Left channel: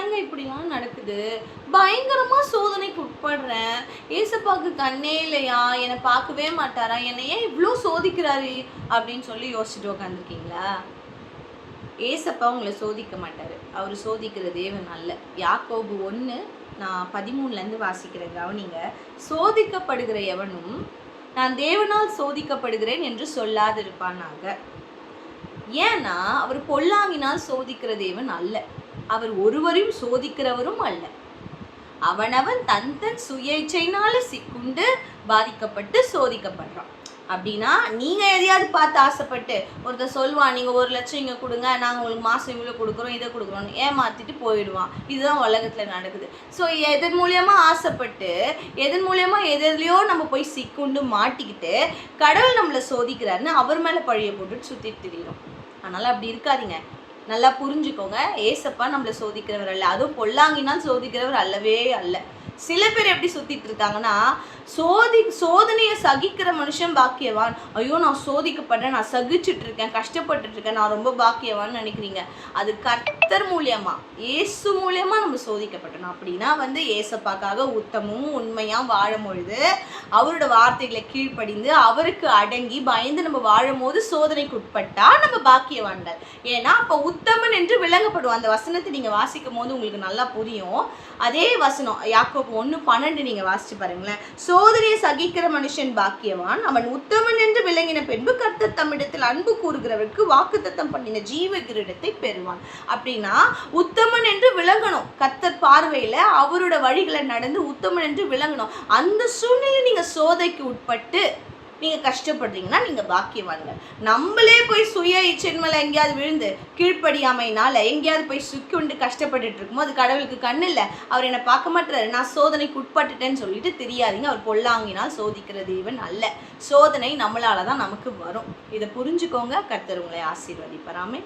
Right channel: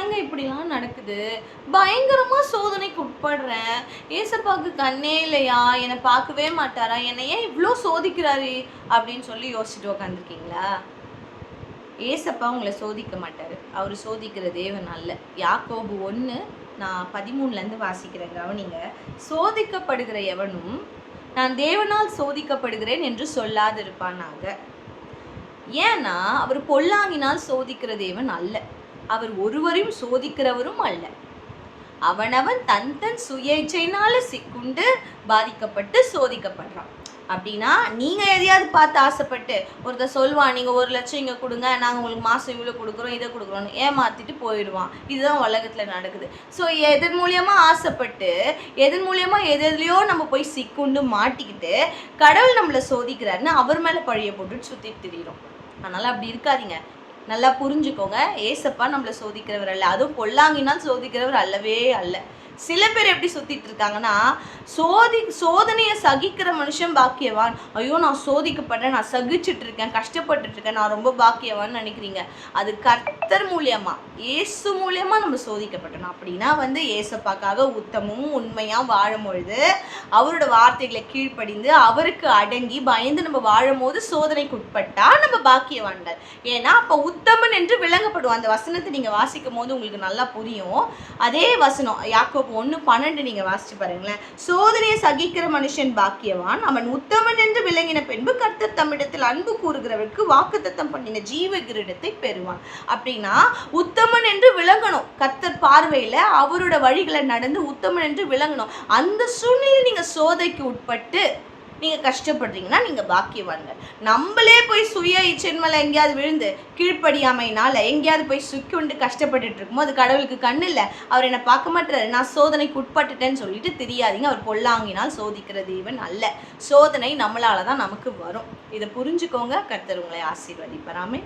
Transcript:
ஏங்க இப்படிலாம் நடக்குது? பயங்கரமா சோதனைக்கு உட்படுறேன். ஏசப்பாக்கு கண்ணே இல்லையா? என்னை பார்க்கவே மாட்டாரா? என்னை ஏன் இவ்ளோ சோதிக்கிறாரு? அப்படின்னு சொல்லி யோசிச்சுட்டு உட்காந்துருக்கீங்களா? ஏசப்பா உங்களை சோதிக்க மாட்டாரு. அவர் சோதிக்கிற தேவன் அல்ல. யாக்கோபு 1 நான் 13லேருந்து வாசிக்கிறேன், கவனிங்க. சோதிக்கப்படுகிற எவனும் நான் தேவனால் சோதிக்கப்படுகிறேன் என்று சொல்லாதிருப்பானாக. ஏன்னா அவர் பொல்லாங்கினால் சோதிக்கிற தேவன் அல்ல. அவர் ஒருவரையும் சோதிக்கிறவரும் அல்ல. அவனவன் தன் தன் சுய இச்சையினால சிக்குண்டு பாதிக்கப்பட்டு சோதிக்கப்படுறான். அப்படின்னா நீங்கள் எதையாவது பார்த்து ஆசைப்பட்டு ஒருத்தர் சொல்லுவான், நீங்கள் 1 லட்சம் இங்கே கொடுங்க, நாங்கள் உங்களுக்கு மாதம் இவ்வளோ கொடுக்குறோம், இதை கொடுக்குறோன்னு ஏமாற்றிட்டு போயிடுவான். இதுதான் உலகத்தில் நடக்குது. ஸோ எதன் மூலியமாக ஆசைப்பட்டு எதன் மூலியமாக எதுலையோ நம்ம போய் சிக்குண்டு மாட்டிக்கிட்டு கடவுள் நம்மளை சோதிக்கிறாருன்னு அவர் மேலே பழிய போட்டுட்டு சுற்றிட்டு திரியிறோம். அதனால் அப்படி இருக்காதீங்க. நல்லா புரிஞ்சுக்கோங்க. ஏசப்பா நம்மளை சோதிக்கிறவர் அல்ல. அதுவும் பொல்லாங்கினால் சோதிக்கிறவர் அல்லவே அல்ல. சில பேர் எப்படி சுற்றிட்டு இருக்காங்கன்னா, சோதனையை சகிக்கிற மனுஷன் பாக்கியவான். ஐயோ நான் சோதிக்கப்படுறேன், நான் சகிச்சுட்டு இருக்கேன், கஷ்டப்பட்டுட்டு இருக்கேன், நான் ரொம்ப பாக்கியவான்னு நினைக்கிறீங்க. அது கர்த்தர் மூலியமா, ஏசு மூலியமா நம்ம சோதிக்கப்பட்டோம். அப்படின்னா ஏசப்பாக்காக உத்தமும் உண்மையாக வாழும் பொழுது, அவரோட வார்த்தைகளை கீழ்ப்படிந்து அவருக்கு அடங்கி பயந்து நம்ம வாழும் போது சோதனைக்கு உட்பட்டா நம்ம பாக்கியவான்கள். ஏன்னா அப்போ உத்தமன் என்று விளங்கப்படும். அந்த வசனத்தை நீங்கள் வாசிக்கும் போது உங்களுக்கு நல்லா புரியும். அதே வசனம் யாக்கோபு 1:12 நீங்கள் வாசிச்சு பாருங்களேன். சோதனையை சகிக்கிற மனுஷன் பாக்கியவான், அவன் உத்தமன் என்று விளங்கின பின்பு கர்த்தர் தம்மிடத்தில் அன்பு கூறுகிறவருக்கு வாக்குத்தத்தம் பண்ணின ஜீவ கிரீடத்தை பெறுவான். அப்படின்னா உத்தமன் என்று விளங்கணும். கர்த்தர் பார்வையில அவரோட வழிகளை நடந்து உத்தமன் என்று விளங்கணும். அந்த சூழ்நிலை நீங்க சோதனைக்கு உட்பட்டு நீங்க கஷ்டப்படுறீங்கன்னா நீங்க பாக்கியவாங்க. நம்மளே போய் சுய இச்சையின் மேல எங்கேயாவது விழுந்து கீழ்ப்படியாமையினால எங்கேயாவது போய் சுக்குண்டு கஷ்டப்பட்டுட்டு இருக்குமோ அது கடவுளுக்கு கண்ணு இல்லை. அவர் என்னை பார்க்க மாட்டாரு, நான் சோதனைக்கு உட்பட்டுட்டேன்னு சொல்லிட்டு தெரியாதீங்க. அவர் பொல்லாங்கினால் சோதிக்கிற தேவன் அல்ல. சோதனை நம்மளால தான் நமக்கு வரும். இதை புரிஞ்சுக்கோங்க. கர்த்தர் உங்களை ஆசீர்வதிப்பாராமே.